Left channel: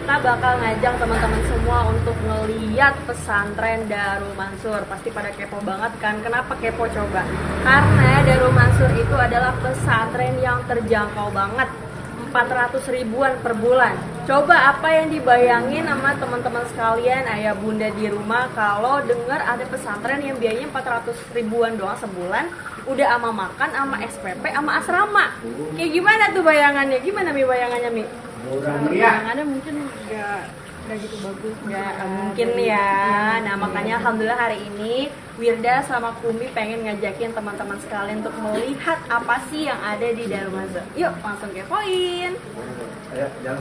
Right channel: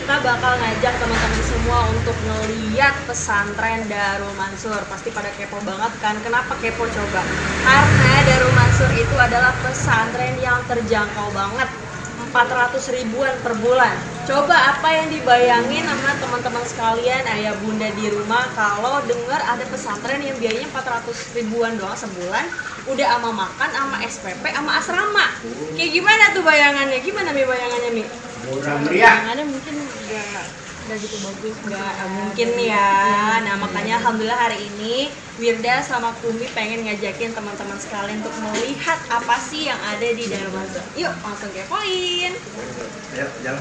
kita bakal ngajak teman-teman semua untuk ngeliat pesantren Darul Mansur. Pasti pada kepo banget kan? Kenapa kepo coba? Karena Darul Mansur itu adalah pesantren yang terjangkau banget, 400 ribuan per bulan. Coba apa yang dibayangin sama teman-teman sekalian, ayah bunda di rumah, kalau dengar ada pesantren yang biayanya 400 ribuan doang sebulan, udah ama makan, ama SPP, ama asrama. Kayak gimana tuh bayangannya? Gimana Mi bayangannya Mi? Bayangannya mungkin nggak gitu bagus, nggak mungkin ya. Nah makanya alhamdulillah hari ini Wirda sama Kumi pengen ngajakin teman-teman sekalian untuk melihat apa sih yang ada di Darul Mansur. Yuk langsung kepoin. Ayo jalan.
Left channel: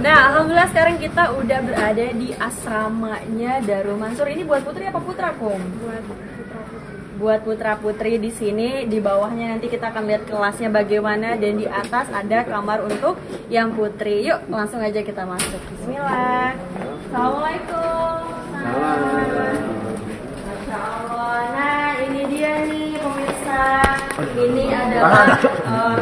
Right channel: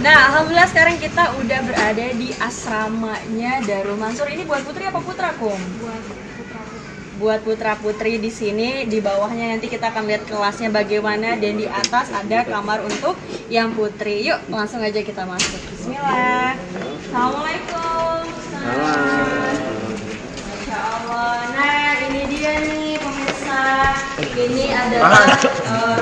Nah alhamdulillah sekarang kita udah berada di asramanya Darul Mansur. Ini buat putri apa putra, Kum? Buat putra-putri di sini. Di bawahnya nanti kita akan lihat kelasnya bagaimana, dan di atas ada kamar untuk yang putri. Yuk langsung aja kita masuk. Bismillah. Assalamualaikum. Masya Allah. Nah ini dia nih pemirsa. Ini adalah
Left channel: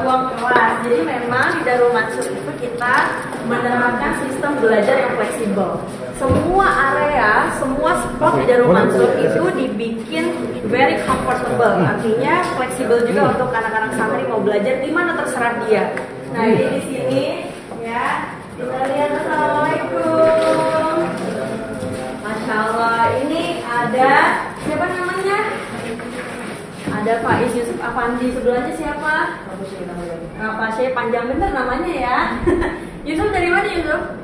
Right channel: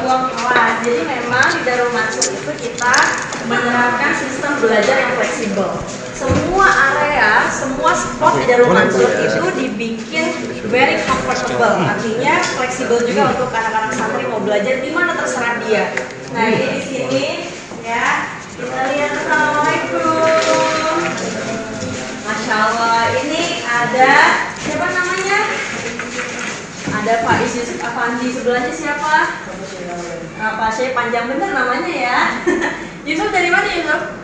ruang kelas. Jadi memang di Darul Mansur itu kita menerapkan sistem belajar yang fleksibel. Semua area, semua spot di Darul Mansur itu dibikin very comfortable, artinya fleksibel juga untuk anak-anak santri mau belajar di mana terserah dia. Nah ini di sini ya, kita lihat. Assalamualaikum. Masya Allah, ini ada siapa namanya? Ada Faiz Yusuf Afandi, sebelahnya siapa? Pak Syekh, panjang bener namanya ya. Yusuf dari mana Yusuf?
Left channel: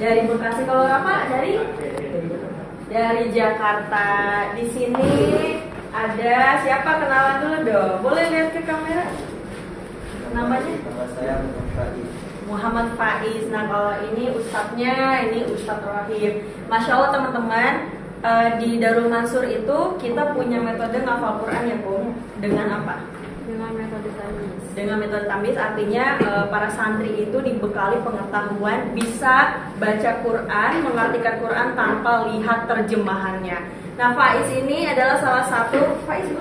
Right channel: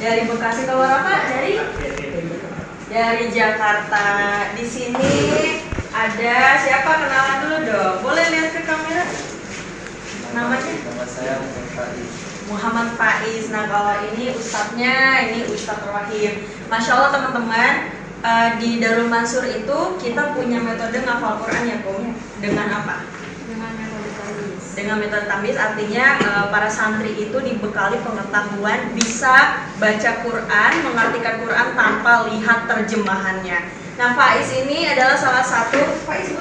Dari Bekasi. Kalau Rafa dari Jakarta. Di sini ada siapa, kenalan dulu dong. Boleh lihat ke kamera? Namanya? Nama saya Muhammad Faiz. Nah kalau ini ustadznya, ini Ustadz Rahim. Masya Allah teman-teman, di Darul Mansur itu kita punya metode ngafal Quran ya Kum. Dengan apa? Dengan metode tamyiz, artinya para santri itu dibekali pengetahuan bisa baca Quran, mengartikan Quran tanpa lihat terjemahannya. Nah Faiz ini adalah salah satu Faiz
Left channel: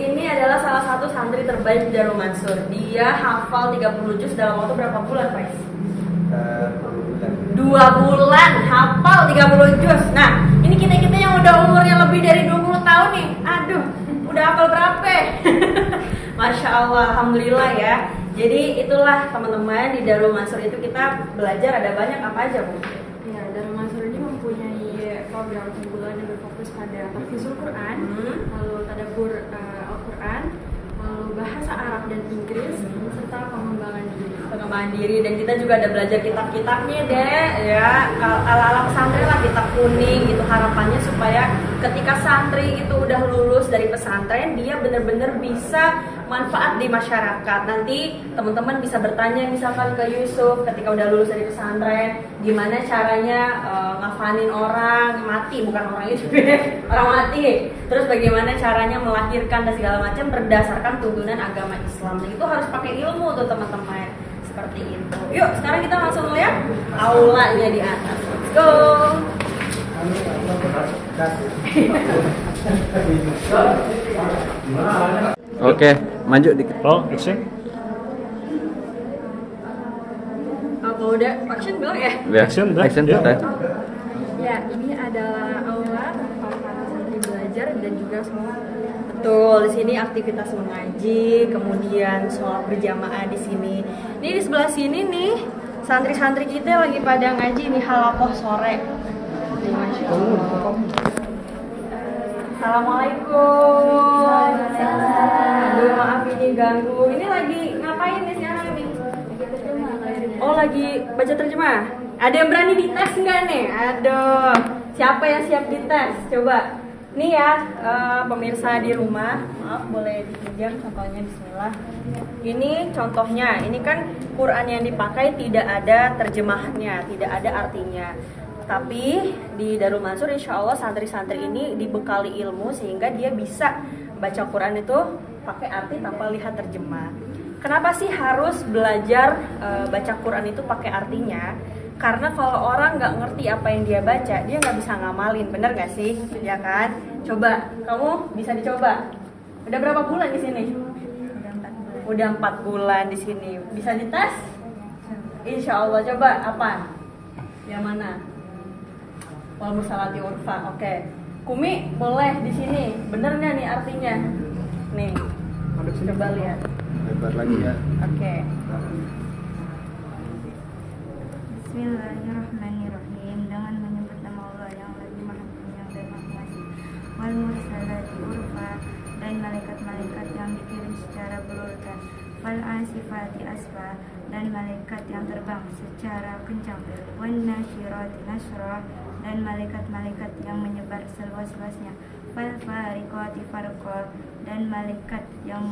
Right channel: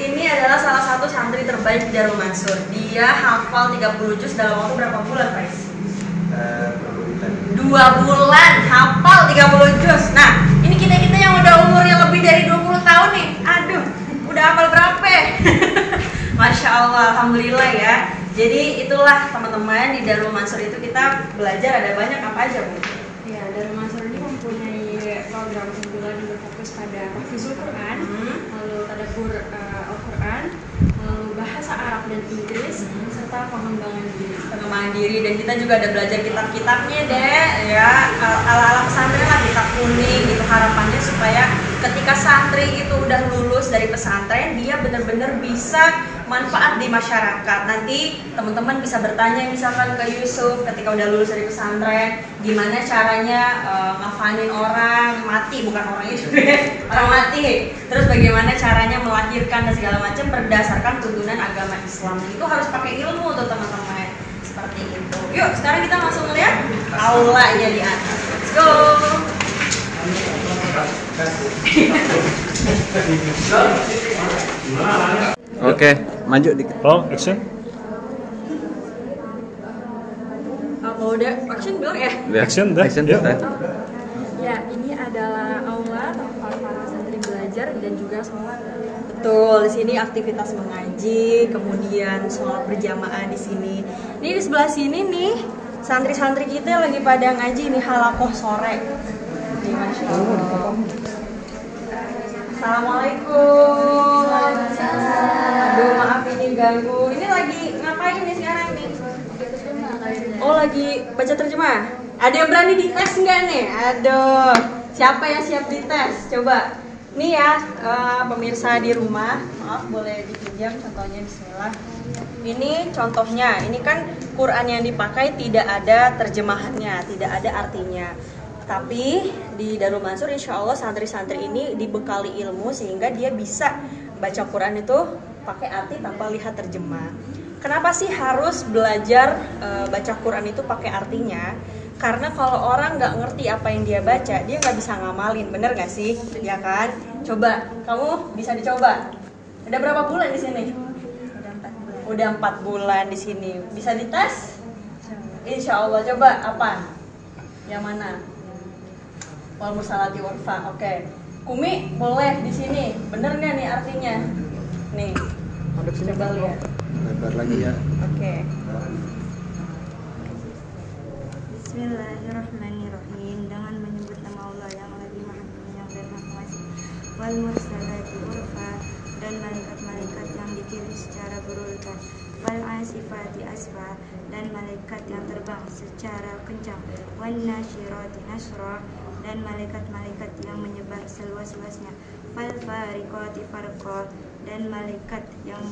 ini adalah salah satu santri terbaik di Darul Mansur. Dia hafal 30 juz dalam waktu berapa bulan Faiz? 2 bulan hafal 30 juz. Nah ini kita yang udah umurnya lebih dari 20 tahun nih. Aduh, udah hafal berapa? Masya Allah, alhamdulillah ya. Jadi itulah teman-teman, di Darul Mansur itu kita belajar ada banyak apa aja Bu? Ya, Darul Mansur ini mempunyai program unggulan yang berfokus pada tahfizul Quran, lalu tadabbur Al-Quran, lalu bahasa Arab dan Inggris, serta pengembangan diri. Dan kita juga ada belajar kitab-kitabnya deh, ya ala-ala pesantren lah, kitab kuning gitu. Harapannya supaya ketika santri itu udah lulus dari pesantren, dia benar-benar bisa manfaat di masyarakat. Nanti teman-teman bisa bertanya misalkan ke Yusuf ketika udah lulus dari pesantren, gimana caranya ngafalin orang mati, bukan orang Yusuf orang mati. Terus bagaimana caranya melahirkan dan segala macam berdasarkan tuntunan agama Islam. Itu harus pakai ilmu tuh teman-teman. Seperti itu. Yuk sekarang kita langsung lihat aulanya di atas. Let's go. Oke, maju dikit. Oh, action. Kalau udah action bilang ya. Action dah. Action Ya. dah. Ya, ini adalah aula tempat para santri belajar dan juga sholat. Betul, di sini aktivitas mengaji, kemudian sholat berjamaah di sini. Ini di sebelah sini nih, santri-santri kita lagi pada ngaji nih halakoh sore. Nih, Masya Allah. Assalamualaikum. Aduh, maaf ini ganggu. Ini lagi ngapain nih sekarang nih? Oh, lagi baca terjemah. Ada yang berani dites nggak nih? Aduh, siapa yang siap dites? Coba. Nih ya, pemirsa di rumah, maaf boleh dipinjam contohnya, bismillah. Ini contohnya, ini kan Quran yang dipakai tidak ada terjemahannya, tidak ada artinya. Tapi di Darul Mansur insya Allah santri-santri ini dibekali ilmu sehingga dia bisa baca Quran itu pakai arti tanpa lihat terjemah. Kenapa sih harus belajar baca Quran itu pakai artinya? Karena kalau orang nggak ngerti apa yang dia baca, dia nggak bisa ngamalin, bener nggak sih? Ya kan? Coba, kamu bisa dicoba. Udah berapa bulan di sini? Udah 4. Udah 4 bulan di sini. Bisa dites? Insya Allah. Coba apa? Yang mana? Wal mursalati urfa. Oke. Kumi boleh di sini. Bener nggak nih artinya? Nih. Coba lihat. Lebar lagi ya. Oke. Bismillahirrahmanirrahim. Dengan menyebut nama Allah yang lebih maha penyayang dan maha pengasih. Wal mursalati urfa, dan malaikat-malaikat yang dikirim secara berurutan. Fal asifati asfa, dan malaikat yang terbang secara kencang. Wan nasyirati nasra, dan malaikat-malaikat yang menyebar seluas-luasnya. Fal fariqati farqa, dan malaikat yang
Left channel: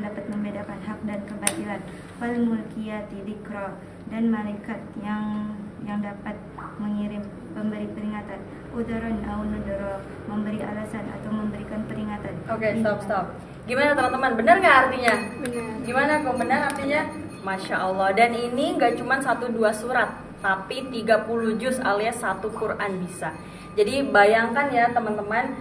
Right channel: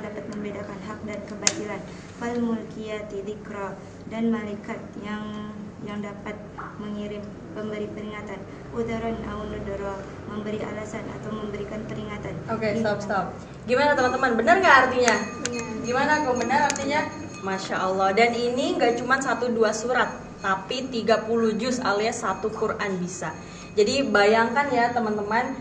dapat membedakan hak dan kebatilan. Fal mulkiyati dzikra, dan malaikat yang dapat mengirim pemberi peringatan. Udharon au nudara, memberi alasan atau memberikan peringatan. Oke, stop. Gimana teman-teman? Benar nggak artinya? Gimana kok benar artinya? Masya Allah. Dan ini nggak cuma 1-2 surat, tapi 30 juz alias 1 Quran bisa. Jadi bayangkan ya teman-teman,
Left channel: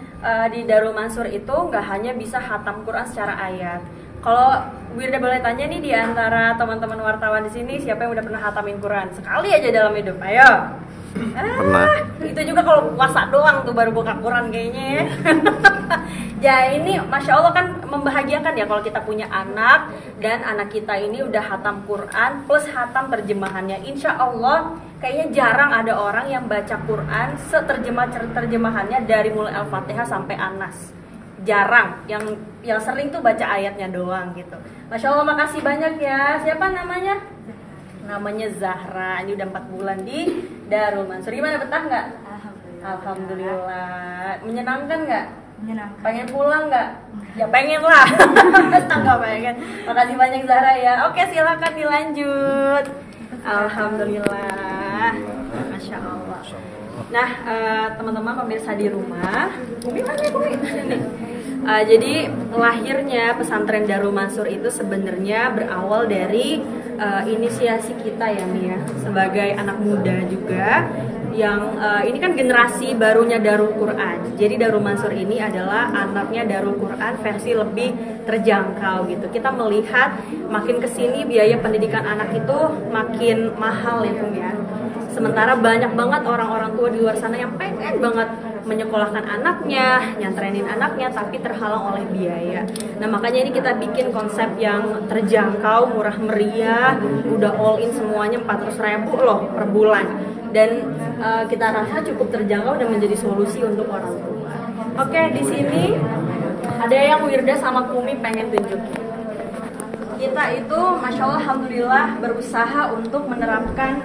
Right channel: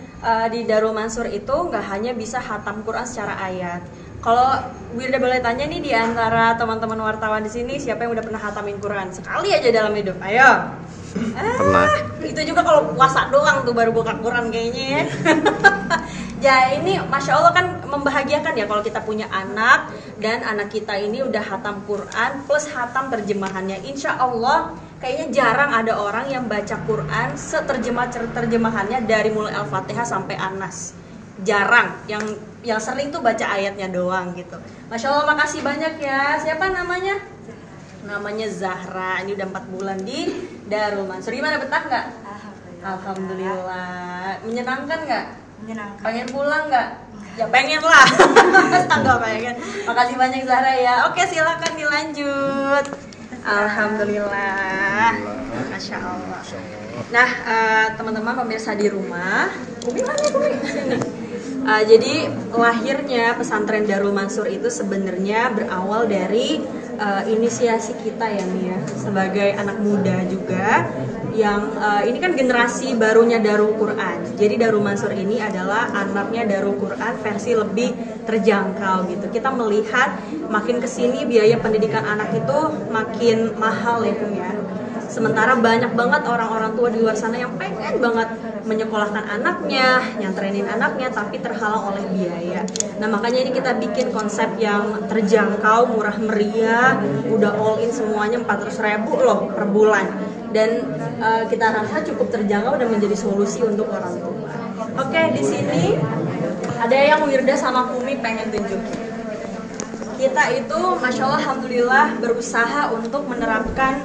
di Darul Mansur itu nggak hanya bisa khatam Quran secara ayat. Kalau Wirda boleh tanya nih, di antara teman-teman wartawan di sini siapa yang udah pernah khatamin Quran sekali aja dalam hidup? Ayo. Pernah. Itu juga kalau puasa doang tuh baru buka Quran kayaknya ya. Ya ini Masya Allah kan membahagiakan ya kalau kita punya anak dan anak kita ini udah khatam Quran plus khatam terjemahannya. Insya Allah kayaknya jarang ada orang yang baca Quran terjemahannya dari mulai Al-Fatihah sampai An-Nas. Jarang, yang sering tuh baca ayatnya doang gitu. Masya Allah, makasih banyak ya. Siapa namanya? Namanya Zahra. Ini udah 4 bulan di Darul Mansur. Gimana, betah nggak? Alhamdulillah. Menyenangkan nggak? Menyenangkan. Pengen pulang nggak? Ya pengen lah. Nggak pengen. Makasih banyak Zahra ya. Oke, silakan dilanjut. Alhamdulillah. Masya Allah. Nah, teman-teman pemirsa di rumah, Umi mana ya, Umi? Sini. Jadi lahirnya pesantren Darul Mansur itu sebenarnya berawal dari inisiasi kita ya Mia, sebagai anak muda juga yang ini kan generasi barunya Darul Quran. Jadi Darul Mansur ini adalah anaknya Darul Quran versi lebih terjangkau gitu. Kita melihat makin kesini biaya pendidikan anak itu makin mahal ya Kum ya. Sementara banyak banget orang-orang tua di luar sana yang pengen banget menyekolahkan anaknya, nyantrenin anaknya, tapi terhalang oleh biaya. Nah makanya ini kita bikin konsep yang terjangkau, murah meriah, udah all in semuanya 400.000 loh per bulan. Dan kita rasa cukup terjangkau dan menjadi solusi untuk orang tua. Oke, di sini ada yang Wirda sama Kumi pengen tunjukin. Kita itu Masya Allah Alhamdulillah berusaha untuk menerapkan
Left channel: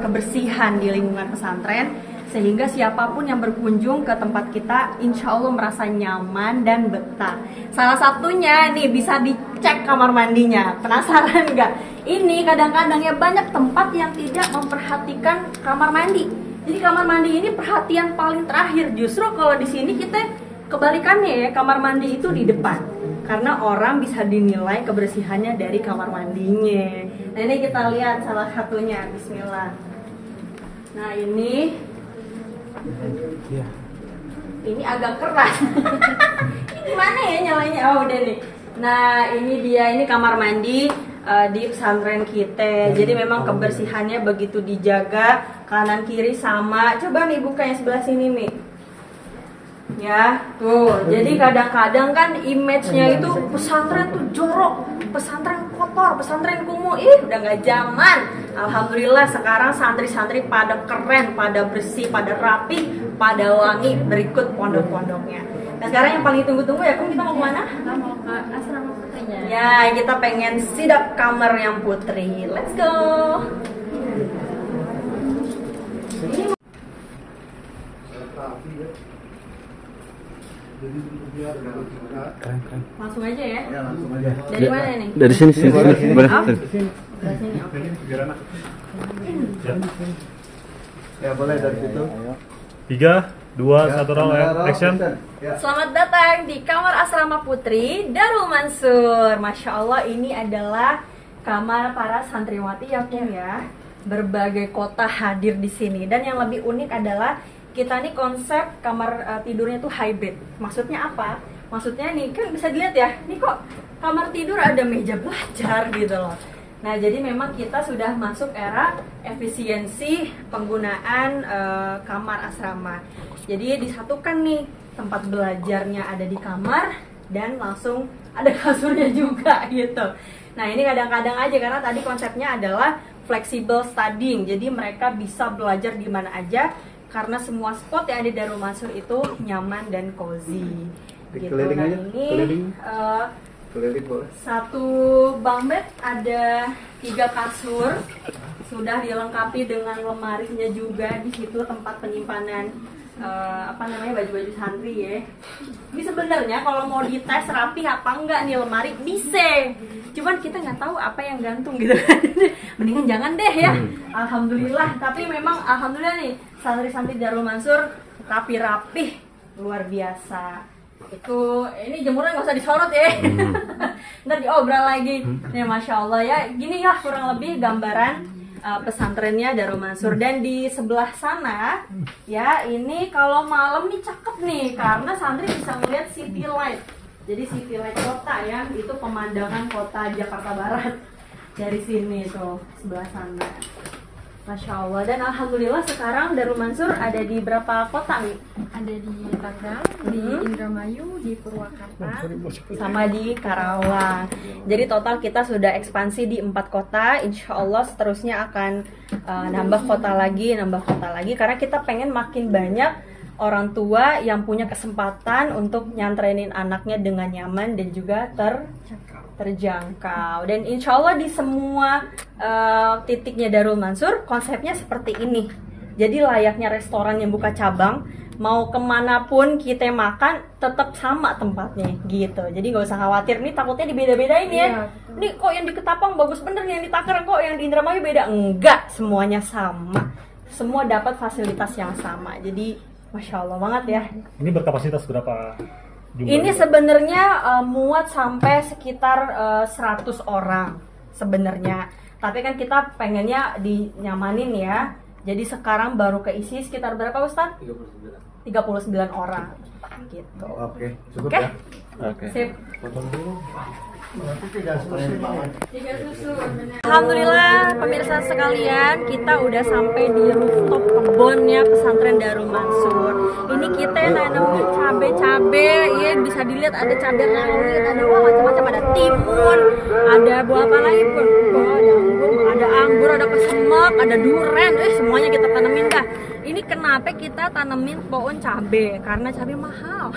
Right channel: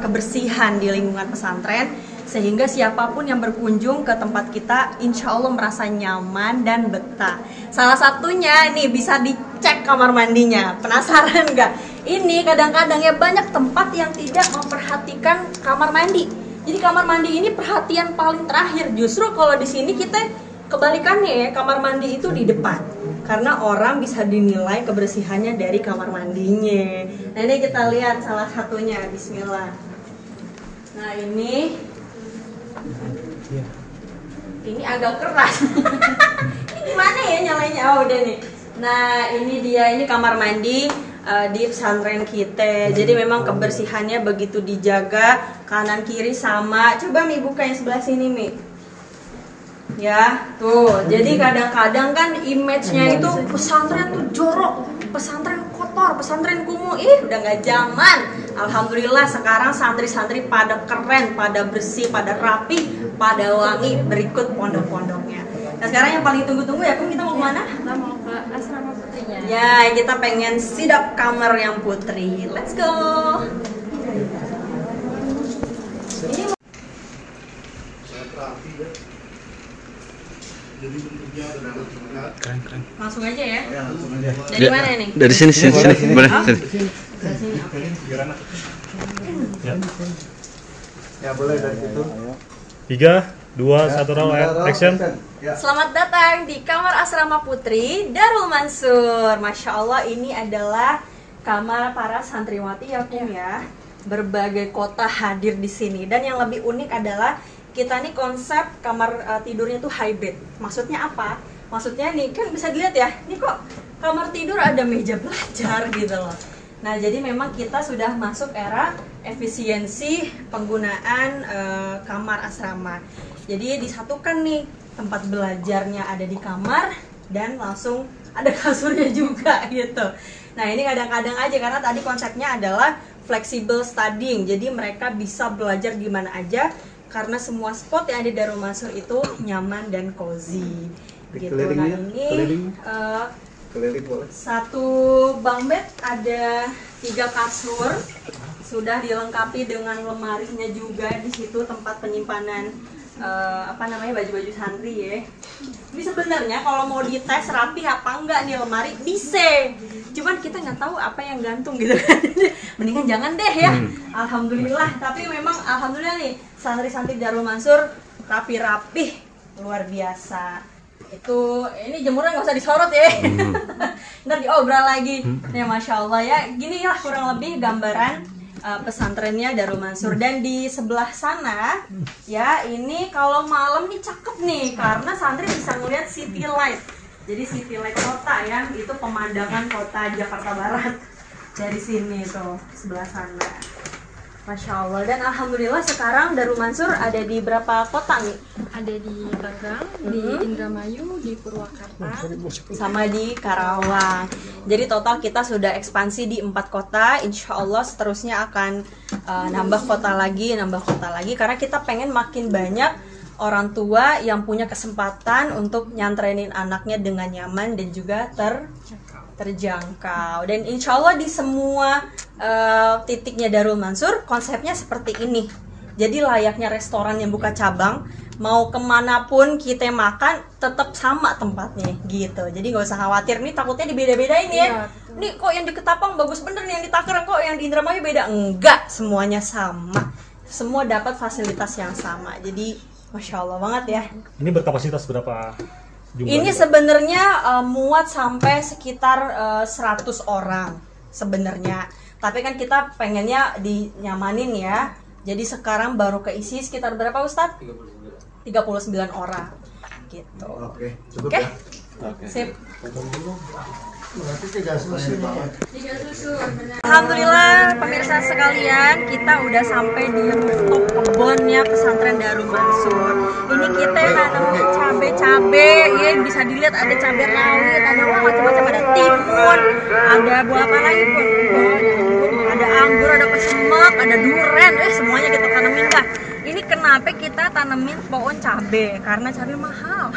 kebersihan di lingkungan pesantren, sehingga siapapun yang berkunjung ke tempat kita insya Allah merasa nyaman dan betah. Salah satunya nih bisa dicek kamar mandinya. Penasaran nggak? Ini kadang-kadang ya banyak tempat yang tidak memperhatikan kamar mandi. Jadi kamar mandi ini perhatian paling terakhir. Justru kalau di sini kita kebalikannya ya, kamar mandi itu di depan. Karena orang bisa dinilai kebersihannya dari kamar mandinya. Nah ini kita lihat salah satunya. Bismillah. Nah ini agak keras. Ini gimana ya nyalanya? Oh udah nih. Nah ini dia, ini kamar mandi di pesantren kita. Jadi memang kebersihannya begitu dijaga, kanan kiri sama. Coba Mi buka yang sebelah sini Mi. Ya, tuh. Jadi kadang-kadang kan image-nya itu pesantren tuh jorok, pesantren kotor, pesantren kumuh. Udah nggak zaman. Alhamdulillah sekarang santri-santri pada keren, pada bersih, pada rapi, pada wangi berikut pondok-pondoknya. Nah sekarang yang paling tunggu-tunggu ya, Kum, kita mau kemana? Kita mau ke asrama putrinya. Ya, kita pengen sidap kamar yang putri. Let's go. Ini Keren. langsung aja ya. Ya, langsung aja. Dari mana nih? Dari sini. Boleh. Oh? Sini. Dari sini, oke. Ya, boleh dari situ. 3, 2, 1 roll, action. Selamat datang di kamar asrama putri Darul Mansur. Masya Allah, ini adalah kamar para santriwati ya Kum ya. Berbagai kota hadir di sini. Dan yang lebih unik adalah kita nih konsep kamar tidurnya tuh hybrid. Maksudnya apa? Maksudnya nih kan bisa dilihat ya, nih kok kamar tidur, ada meja belajar gitu loh. Nah, jadi memang kita sudah masuk era efisiensi penggunaan kamar asrama. Jadi disatukan nih, tempat belajarnya ada di kamar dan langsung ada kasurnya juga gitu. Nah, ini kadang-kadang aja karena tadi konsepnya adalah flexible studying. Jadi mereka bisa belajar di mana aja karena semua spot yang ada di Darul Mansur itu nyaman dan cozy. Gitu. Nah, ini satu bunk bed, ada 3 kasur, sudah dilengkapi dengan lemarinya juga di situ, tempat penyimpanan baju-baju santri ya. Ini sebenarnya kalau mau dites rapi apa enggak nih lemari bisa, cuman kita nggak tahu apa yang gantung gitu kan. Mendingan jangan deh ya. Alhamdulillah, tapi memang alhamdulillah nih santri-santri Darul Mansur rapi-rapi luar biasa. Itu ini jemurnya nggak usah disorot ya. Ntar diobral lagi. Nih masya Allah ya, gini lah kurang lebih gambaran pesantrennya Darul Mansur. Dan di sebelah sana ya, ini kalau malam nih cakep nih karena santri bisa ngeliat city light. Jadi city light kota ya, itu pemandangan kota Jakarta Barat dari sini tuh sebelah sana. Masya Allah. Dan alhamdulillah sekarang Darul Mansur ada di berapa kota nih? Ada di Tangerang, di Indramayu, di Purwakarta, sama di Karawang. Jadi total kita sudah ekspansi di 4 kota. Insya Allah seterusnya akan nambah kota lagi karena kita pengen makin banyak orang tua yang punya kesempatan untuk nyantrenin anaknya dengan nyaman dan juga terjangkau. Dan insya Allah di semua titiknya Darul Mansur konsepnya seperti ini. Jadi layaknya restoran yang buka cabang, mau kemanapun kita makan tetap sama tempatnya gitu. Jadi nggak usah khawatir nih takutnya dibeda-bedain ya. Nih kok yang di Ketapang bagus bener nih, yang di Tangerang kok yang di Indramayu beda. Enggak, semuanya sama. Semua dapat fasilitas yang sama. Jadi masya Allah banget ya. Ini berkapasitas berapa jumlah? Ini sebenarnya muat sampai sekitar 100 orang sebenarnya. Tapi kan kita pengennya dinyamanin ya. Jadi sekarang baru keisi sekitar berapa Ustadz? 39 orang gitu. Oke, cukup Oke? ya. Oke. Sip. Berarti 3 susu banget. Alhamdulillah pemirsa sekalian, kita udah sampai di rooftop kebunnya pesantren Darul Mansur. Ini kita nanam cabe-cabe, ya bisa dilihat ada cabai rawit, ada macam-macam, ada timun, ada buah apa lagi pun, ada anggur, ada kesemek, ada duren, semuanya kita tanamin dah. Ini kenapa kita tanemin pohon cabe? Karena cabe mahal.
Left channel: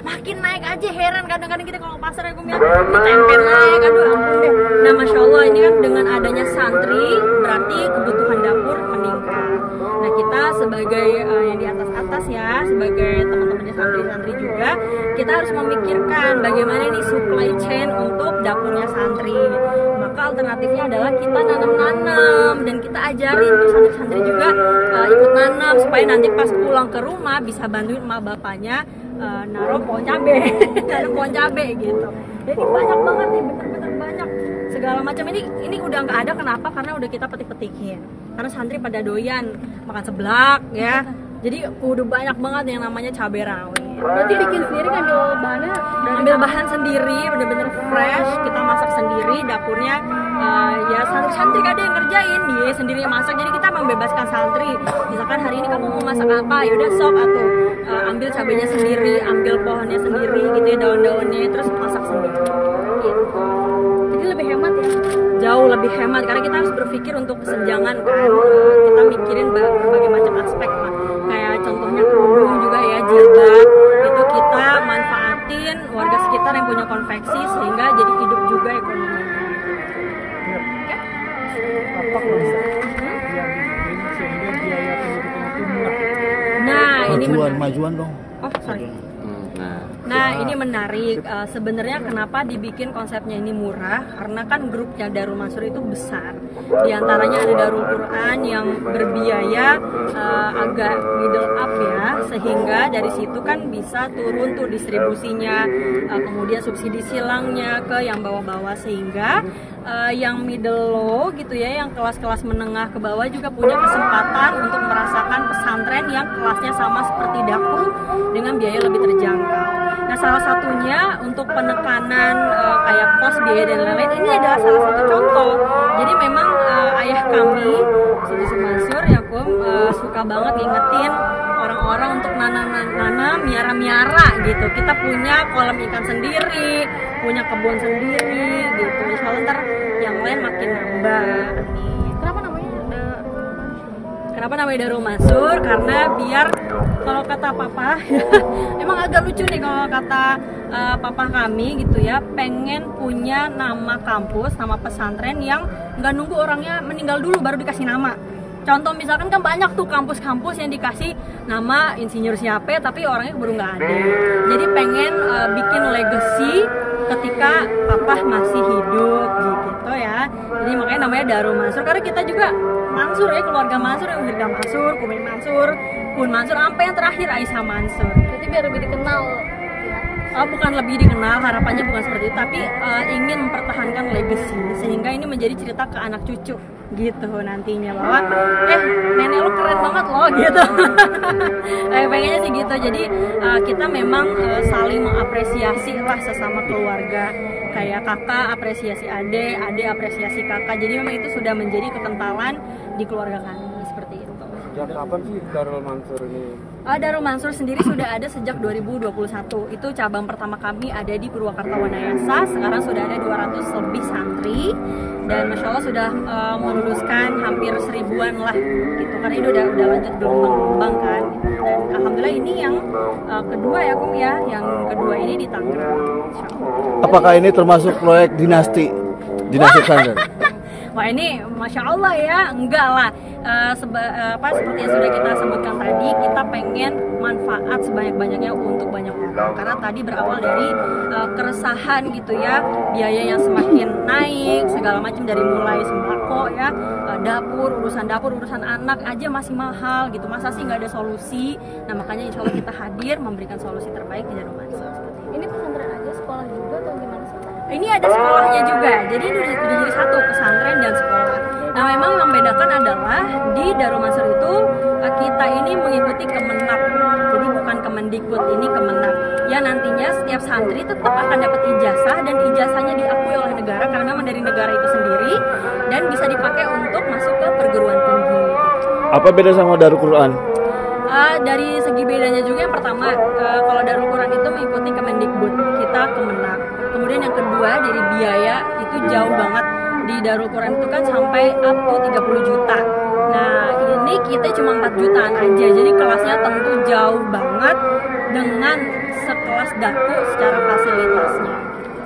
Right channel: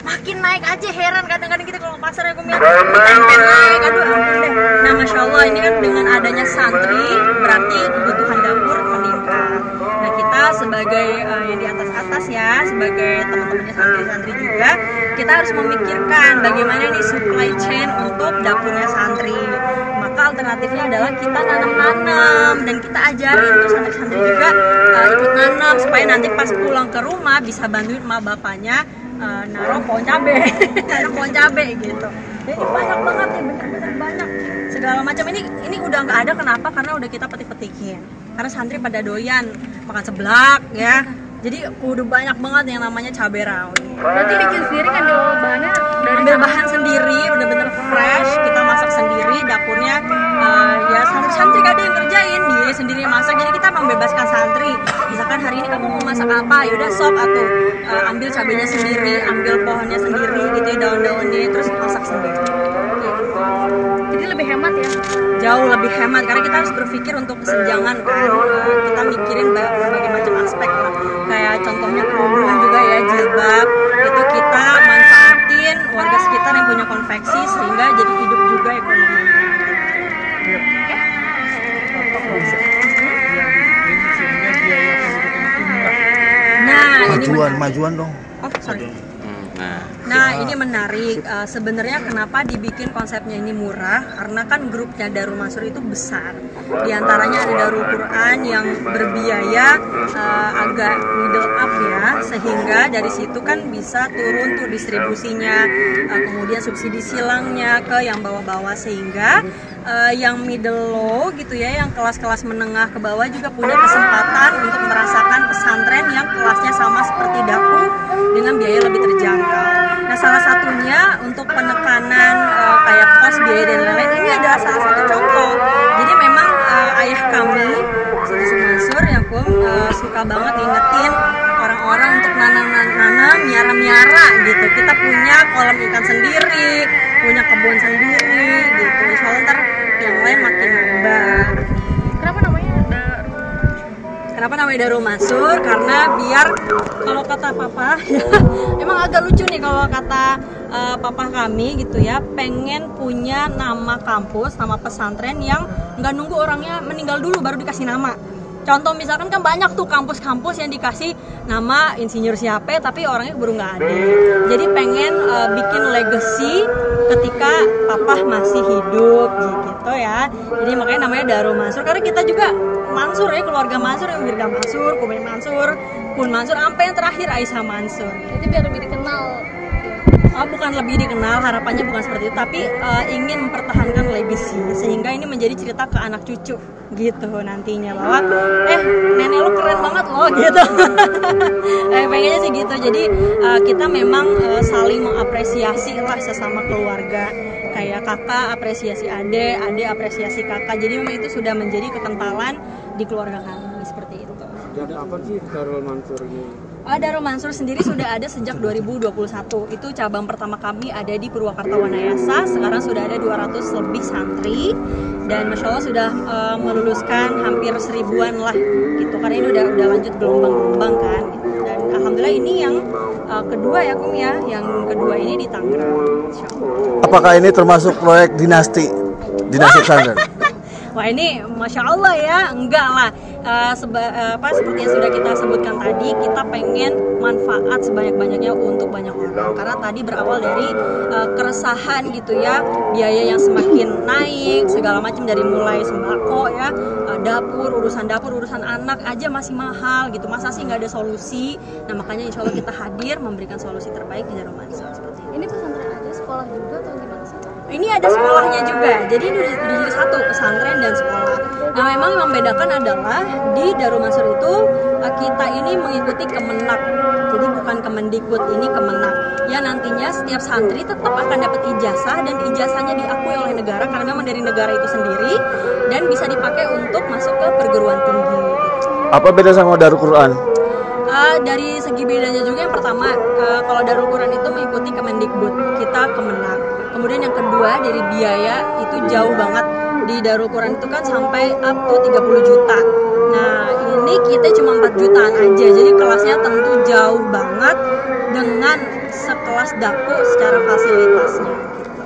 Makin naik aja, heran kadang-kadang kita kalau pasar ya tempe naik, aduh ampun deh. Nah masya Allah ini kan dengan adanya santri berarti kebutuhan dapur meningkat. Nah kita sebagai yang di atas-atas ya, sebagai teman-temannya santri-santri juga, kita harus memikirkan bagaimana nih supply chain untuk dapurnya santri. Maka alternatifnya adalah kita nanam-nanam dan kita ajarin tuh santri-santri juga ikut nanam supaya nanti pas pulang ke rumah bisa bantuin emak bapaknya naruh pohon cabe, nanam pohon cabe gitu. Jadi banyak banget nih, bener-bener banyak segala macam. Ini udah nggak ada, kenapa? Karena udah kita petik-petikin. Karena santri pada doyan makan seblak ya. Jadi udah banyak banget yang namanya cabai rawit. Berarti bikin sendiri kan bahannya dari Ambil bahan sendiri, bener-bener fresh, kita masak sendiri, dapurnya ya santri-santri gak ada yang kerjain, dia sendiri yang masak. Jadi kita membebaskan santri. Misalkan hari ini kamu mau masak apa, yaudah sok atau ambil cabainya sendiri, ambil pohonnya sendiri gitu ya, daun-daunnya, terus masak sendiri. Gitu. Jadi lebih hemat ya. Jauh lebih hemat karena kita harus berpikir untuk kesenjangan kan. Kita mikirin berbagai macam aspek lah. Kayak contohnya kerudung juga ya, jilbab itu kita manfaatin warga sekitar yang punya konveksi sehingga jadi hidup juga ekonominya. Nah, majuan dong. Oh, sorry. Nah ini menarik, sebenarnya kenapa dibikin konsepnya ini murah, karena kan grupnya Darul Mansur itu besar. Di antaranya ada Darul Quran yang berbiaya agak middle up ya, sehingga dari situ kan bisa turun tuh distribusinya, kemudian subsidi silangnya ke yang bawah-bawah, sehingga yang middle low gitu ya, yang kelas-kelas menengah ke bawah juga punya kesempatan untuk merasakan pesantren yang kelasnya sama seperti Daku dengan biaya lebih terjangkau. Nah, salah satunya untuk penekanan kayak kos, biaya dan lain-lain, ini adalah salah satu contoh. Jadi memang ayah kami, Siti Mansur ya Kum, suka banget ingetin orang-orang untuk nanam, miara gitu. Kita punya kolam ikan sendiri, punya kebun sendiri gitu. Insya Allah ntar yang lain makin nambah. Kenapa namanya Darul Mansur? Karena biar kalau kata papa, emang agak lucu nih kalau kata papa kami gitu ya, pengen punya nama kampus, nama pesantren yang nggak nunggu orangnya meninggal dulu baru dikasih nama. Contoh misalkan kan banyak tuh kampus-kampus yang dikasih nama insinyur siapa tapi orangnya baru nggak ada. Jadi pengen bikin legacy ketika papa masih hidup gitu ya. Jadi makanya namanya Darul Mansur, karena kita juga Mansur ya, keluarga Mansur, Wirda Mansur, Kumin Mansur, Kun Mansur, sampai yang terakhir Aisyah Mansur. Jadi biar lebih dikenal. Bukan lebih dikenal, harapannya bukan seperti itu, tapi ingin mempertahankan legacy sehingga ini menjadi cerita ke anak cucu gitu nantinya, bahwa nenek lu keren banget loh gitu. Pengennya sih gitu. Jadi kita memang saling mengapresiasi lah sesama keluarga, kayak kakak apresiasi adik apresiasi kakak. Jadi memang itu sudah menjadi kekentalan di keluarga kami seperti itu. Sejak kapan sih Darul Mansur ini? Darul Mansur sendiri sudah ada sejak 2021. Itu cabang pertama kami ada di Purwakarta Wanayasa. Sekarang sudah ada 200 lebih santri dan masya Allah sudah meluluskan hampir 1000-an lah gitu. Karena ini udah lanjut gelombang-gelombang kan. Gitu. Dan alhamdulillah ini yang kedua ya Kum ya. Yang kedua ini di Tangerang. Apakah ini termasuk proyek dinasti pesantren? Wah ini masya Allah ya, enggak lah. Seperti yang sudah kita sebutkan tadi, kita pengen manfaat sebanyak-banyaknya untuk banyak orang. Karena tadi berawal dari keresahan gitu ya, biaya yang semakin naik, segala macam dari mulai sembako ya, dapur, urusan anak aja masih mahal gitu. Masa sih nggak ada solusi? Nah makanya insya Allah kita hadir memberikan solusi terbaik di Darul Mansur. Ini pesantren aja, sekolah juga atau gimana sih? Ini ada sekolahnya juga, jadi jadi satu, pesantren dan sekolah. Nah memang yang membedakan adalah di Darul Mansur itu kita ini mengikuti Kemenak, jadi bukan Kemendikbud, ini Kemenak. Ya nantinya setiap santri tetap akan dapat ijazah dan ijazahnya diakui oleh negara karena memang dari negara itu sendiri dan bisa dipakai untuk masuk ke perguruan tinggi. Gitu. Apa beda sama Darul Quran? Dari segi bedanya juga yang pertama, kalau Darul Quran itu mengikuti Kemendikbud, kita Kemenak. Kemudian yang kedua dari biaya itu jauh banget. Di Darul Quran itu kan sampai up to 30 juta. Nah ini kita cuma 4 jutaan aja. Jadi kelasnya tentu jauh banget dengan sekelas Daku secara fasilitasnya.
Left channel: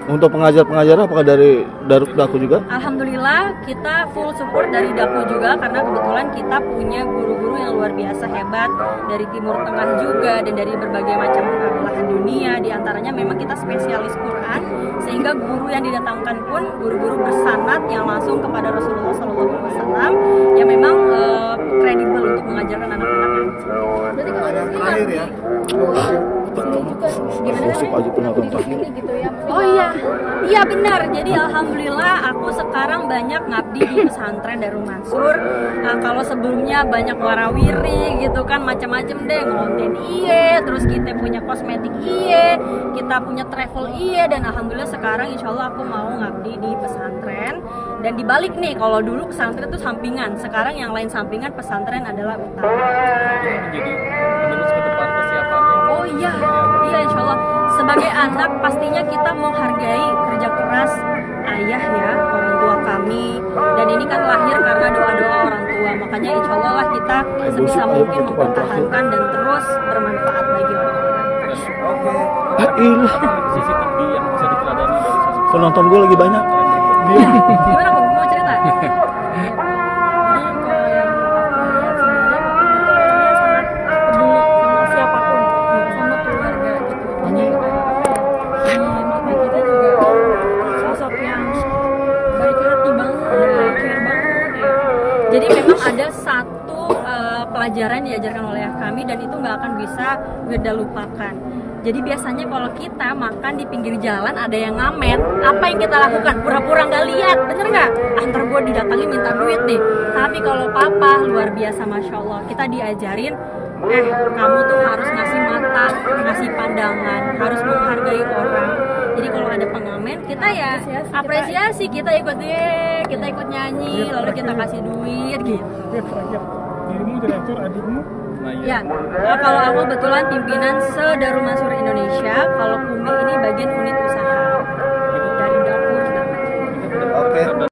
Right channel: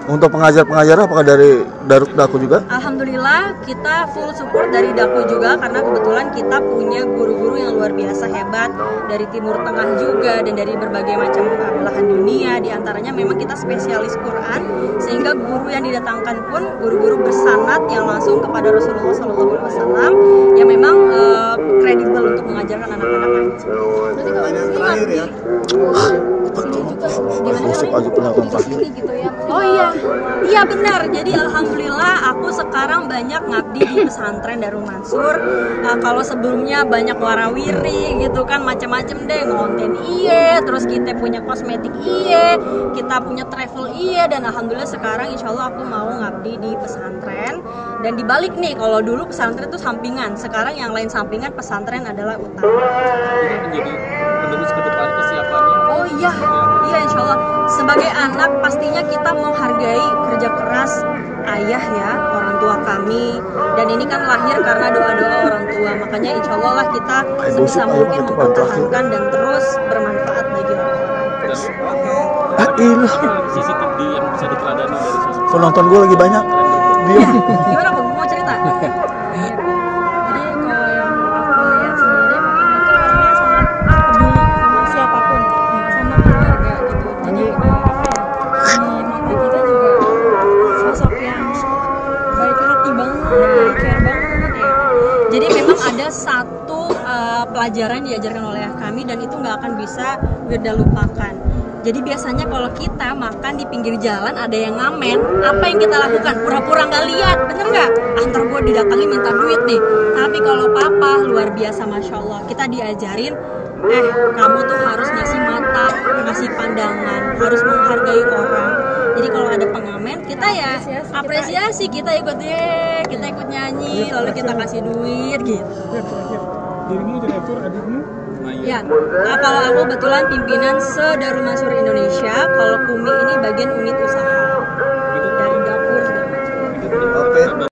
Untuk pengajar-pengajar apakah dari Daku juga? Alhamdulillah kita full support dari Daku juga, karena kebetulan kita punya guru-guru yang luar biasa hebat dari Timur Tengah juga dan dari berbagai macam belahan dunia. Di antaranya memang kita spesialis Quran, sehingga guru yang didatangkan pun guru-guru bersanad yang langsung kepada Rasulullah SAW yang memang kredibel untuk mengajarkan anak-anak ngaji. Berarti kalau di sini ngabdi sini juga gimana gitu ya? Oh iya benar. Jadi alhamdulillah aku sekarang banyak ngabdi di pesantren Darul Mansur. Kalau sebelumnya banyak warawiri gitu kan, macam-macam deh, ngonten terus kita punya kosmetik kita punya travel dan alhamdulillah sekarang insya Allah aku mau ngabdi di pesantren. Dan dibalik nih, kalau dulu pesantren itu sampingan, sekarang yang lain sampingan, pesantren adalah utama. Ini menjadi penerus ke depan kesiapannya. Oh iya insya Allah. Sebagai anak pastinya kita menghargai kerja keras ayah ya, orang tua kami. Dan ini kan lahir karena doa-doa orang tua. Makanya insya Allah lah kita sebisa mungkin mempertahankan dan terus bermanfaat bagi orang. CCTV yang bisa diteladani dari sosok Penonton gue lagi banyak. Gimana Bang? Mau cerita? Jadi kalau yang aku lihat sendiri, Papa itu orangnya sangat peduli sama siapapun, sama keluarga gitu. Jadi di mata kita juga sosok yang baik hati banget, yang care banget ya. Jadi memang ada satu pelajaran diajarkan oleh kami dan itu nggak akan bisa Wirda lupakan. Jadi biasanya kalau kita makan di pinggir jalan ada yang ngamen, apa yang kita lakukan? Pura-pura nggak lihat, bener nggak? Antar gue didatangi minta duit nih. Tapi kalau papa luar biasa, masya Allah, kita diajarin kamu tuh harus ngasih mata, ngasih pandangan, harus menghargai orang. Jadi kalau ada pengamen, kita ya apresiasi, kita ikut nyanyi, lalu kita kasih duit gitu. Dirimu direktur, adikmu? Ya, kalau aku kebetulan pimpinan se-Darul Mansur Indonesia, kalau Kumi ini bagian unit usaha dari dapur dan Oke.